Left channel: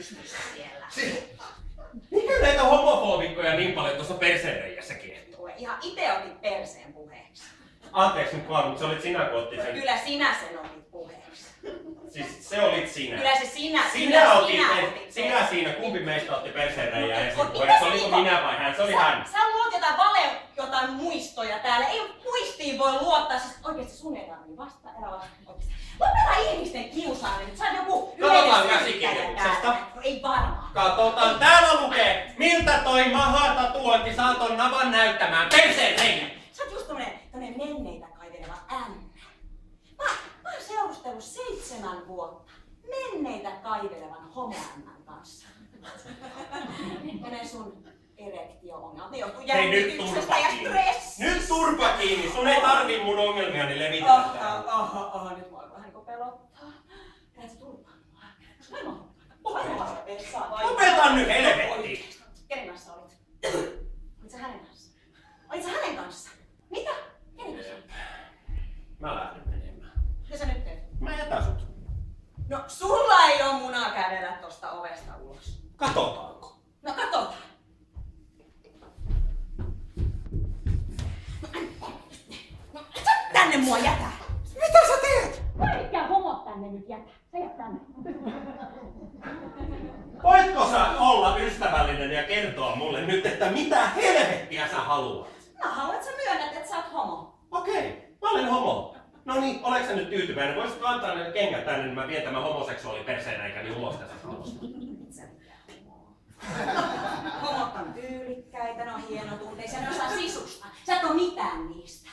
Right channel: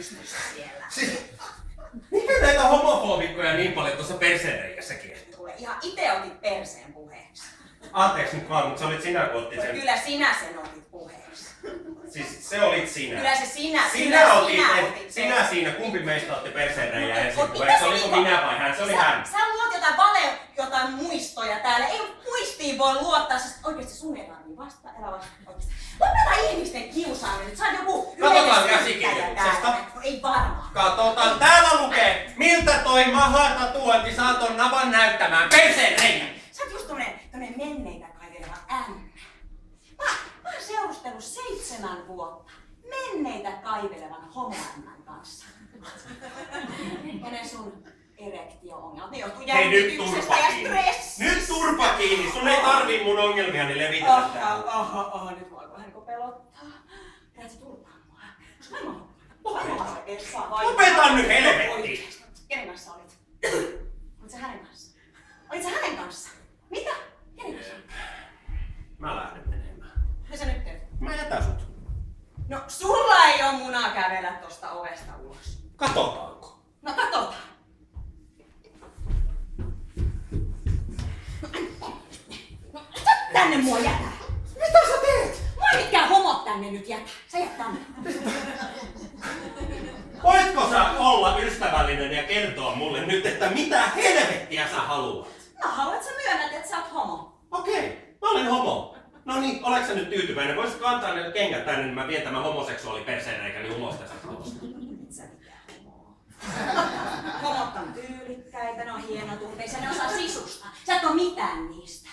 pystyssä siellä. Mikä näitä homofobikkoja niin paljon tuossa perseenreijässä kiehtoo? Kuule, ihan ite otit perseen puheeksi. Anteeksi nyt vaan, mutta se olit sinä, kun otit sen. Kyllä sinä sen otit puheeksi. Siis se olit sinä. Kyllä se sinä. Sinä otit sen. siinä. Kumpi meistä otti perseenreijää ensin Mitä puheeksi? se Oliko niinku- minä vai hän? Se oli hän. Sä luot jotain muistoja täällä. Ei muistiin voi luottaa. Siis oikeesti sun ei tarvii vastata. Älä vastata oikeesti. Lopeta ihmisten kiusaaminen. Nyt sä oot joku Katsotaan yleinen käsikirjoituksesta. syyttäjä täällä. Ei varmaan. Katsotaan, täällä lukee, miltä toi maha-tatuointi saa ton navan näyttämään perseenreijän. Sä oot just tommonen menneitä kaiveleva ämmä. Mä oon seurustellut 7 vuotta menneitä kaivelevan homoämmän kanssa. Ja ne sun erektio-ongelmat, ne johtuu Hei, nyt jännityksestä turpa ja kiinni. stressistä. Nyt turpa kiinni, sun ei tarvii mun ongelmiani levitellä täällä. Nyt mua vähän niinku pelottaa. Lähet sä turpaa mua? Onko mä vai vessaan vai? Lopeta nyt helvetti! Kenen kanssa olit? Olit sä hänen kanssa? Olit sä hänen kanssa? Mitä? Kenen kanssa? Mä lähden menemään. Mitä sä nyt teet? Mä jätän sut. No sulla ei oo munaa kävellä tosta ovesta ulos. Katsotaanko? No katsotaan. No et sä tänne mua jätä. Mitä sä teet? Mua ei mitkään homot tänne nyt jätä. Sä jät tänne. Voitko sä olla ystävällinen ja kertoa mulle nyt, että mitä helvettiä sä haluat? Mä haluan, että sä myönnät, että sä oot homo. Okei, mä olen homo. No niin, oleks sä nyt tyytyväinen? Voisitko antaa ne kengät tänne, niin mä vien tämän homoseksuaaliperseenäikäni ulos tästä talosta? Et sä mikään homo. Homot on tyylikkäitä, ne on hienotunteisia, ne osaa sisusta. Sä et oo mitään niistä.